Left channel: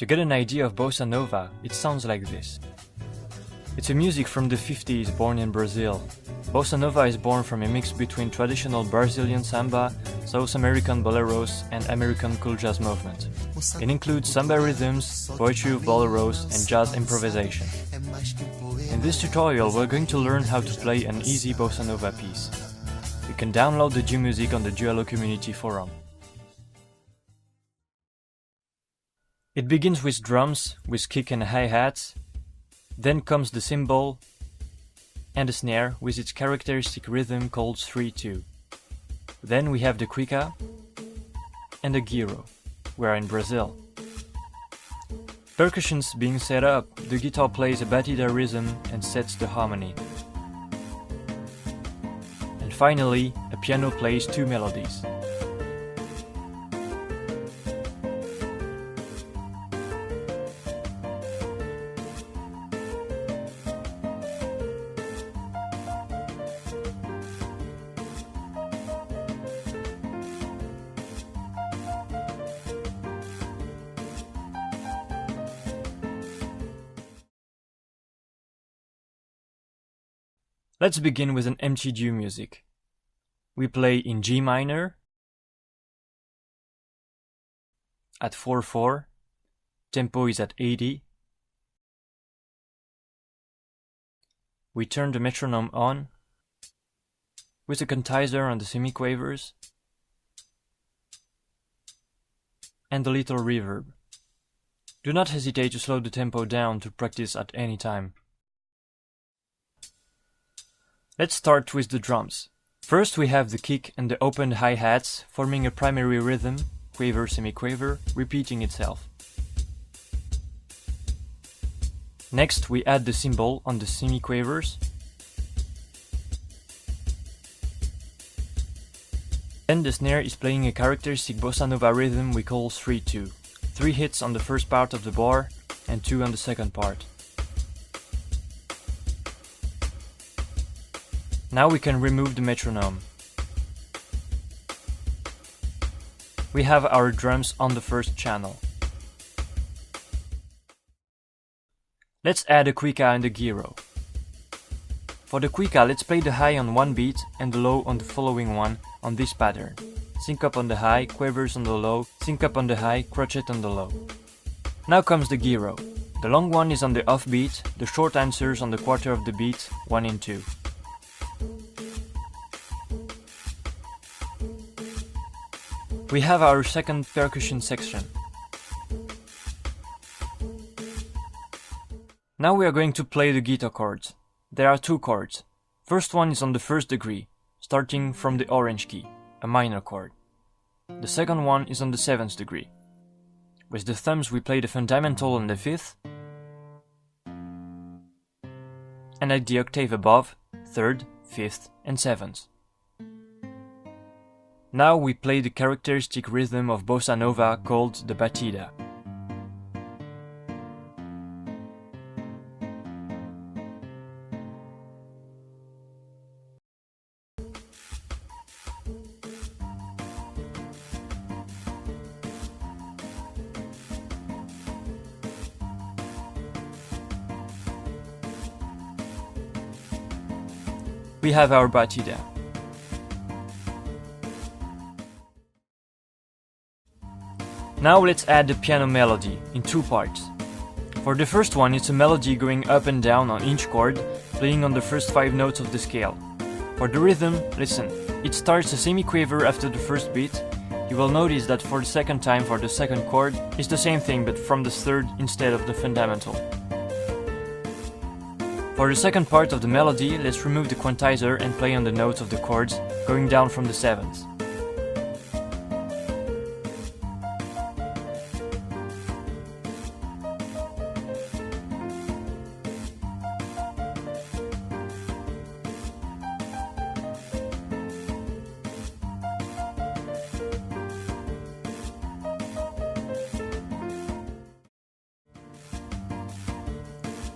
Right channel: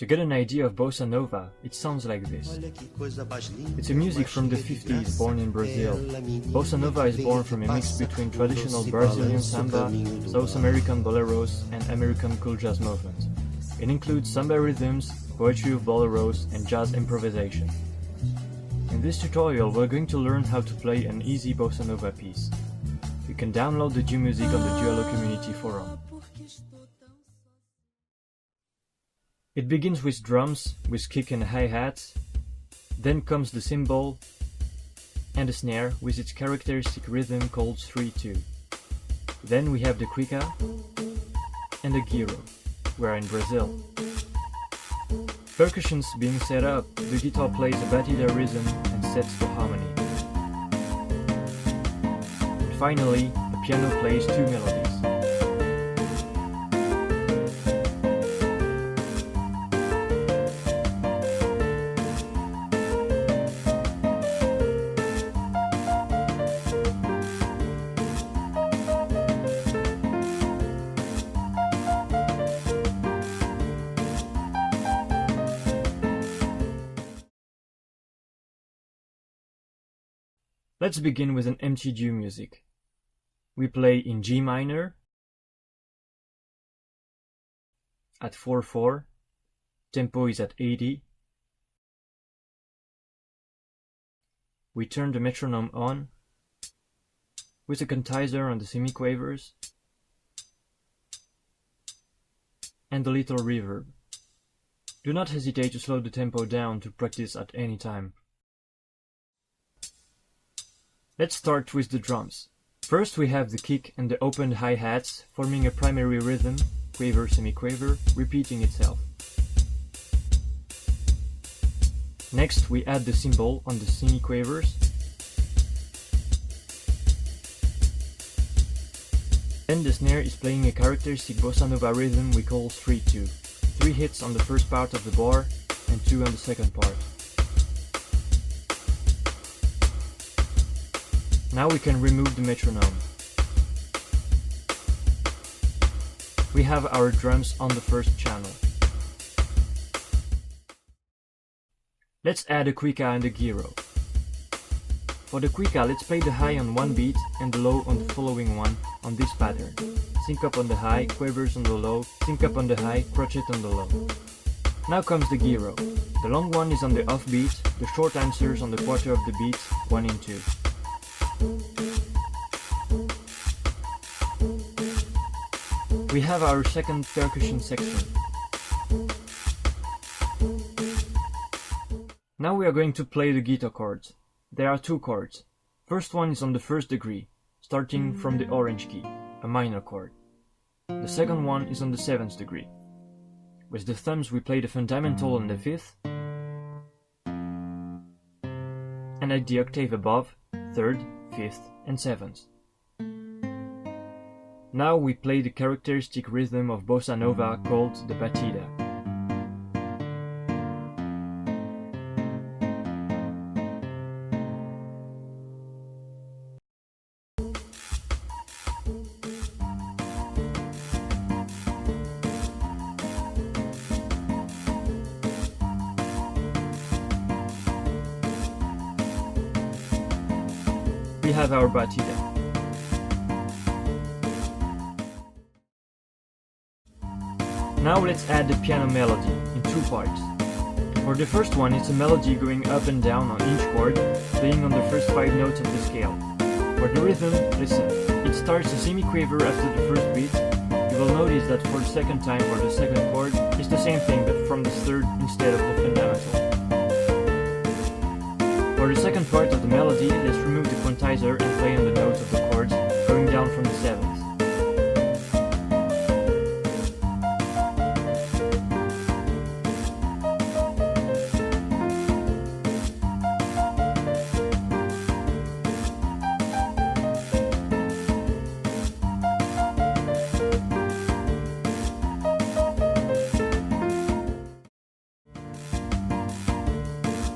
To get an idea of Bossa Nova, it sounds like this. It's a music from the 50s born in Brazil. Bossa Nova is born from a mix between traditional Brazilian samba, South American boleros, and American cool jazz movement. It includes samba rhythms, poetry of boleros, and jazz improvisation. In this tutorial, we're going to learn how to play an easy Bossa Nova piece. You can download the Musique on the Dualo community forum. It begins with drums, with kick and hi-hats, then comes the cymbal and the snare with its characteristic rhythm called 3-2. Then we have the cuica and the gyro. We're in Brazil. Percussions being set up, the guitar plays a batida rhythm and sets the harmony. And finally, a piano plays two melodies. Let's begin with an empty due music. We play in G minor at 4/4, tempo is at 80. We turn the metronome on with a quantizer on the semiquavers and a little reverb. Do not hesitate to slow the tempo down to practice at any time. Let's start with the drums. First we have the kick and the opened hi-hats forming a primary rhythm, quaver, semiquaver, repeating itself. Next we add the cymbal on the semiquavers. Then the snare is playing a characteristic Bossa Nova rhythm we call 3-2. 3 hits on the first part of the bar and 2 on the second part. Now we can remove the metronome. We have our drums on the first channel. Let's add a cuica and a gyro. For the cuica, let's play the high on one beat and the low on the following one on this pattern. Sync on the high, quavers on the low, sync on the high, crotchet on the low. Now comes the gyro. The long one is on the off beat, the short answers on the quarter of the beat, 1 in 2. We have our second percussion section. Now we are going to play the guitar chords. There are 2 chords. First one is on the 1st degree, starting from the orange key, a minor chord. The second one is on the 7th degree. With the thumbs we play the fundamental on the 5th, and at the octave above, 3rd, 5th and 7th. Now we play the characteristic rhythm of Bossa Nova called the batida. We have our batida. Now let's add the piano melody in 2 parts. For the first one, it's a melody going up and down on each chord, playing on the first 5 notes of the scale. For the rhythm, listen, it starts a semiquaver after the first beat. You will notice that for the second time for the second chord, it's the same thing but from the 3rd instead of the fundamental. For the second part of the melody, let's remove the quantizer and play on the notes of the chords, going down from the 7th.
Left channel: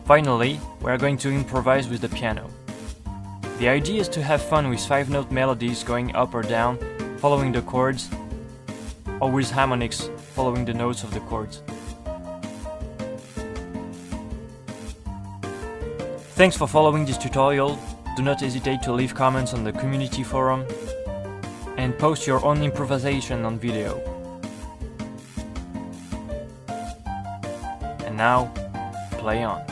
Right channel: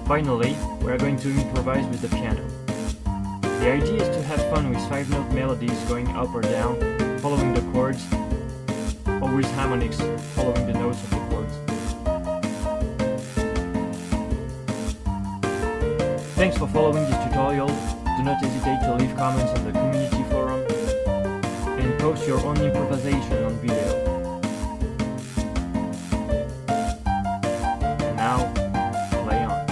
Finally, we are going to improvise with the piano. The idea is to have fun with 5-note melodies going up or down, following the chords, or with harmonics following the notes of the chords. Thanks for following this tutorial. Do not hesitate to leave comments on the community forum and post your own improvisation on video. And now, play on.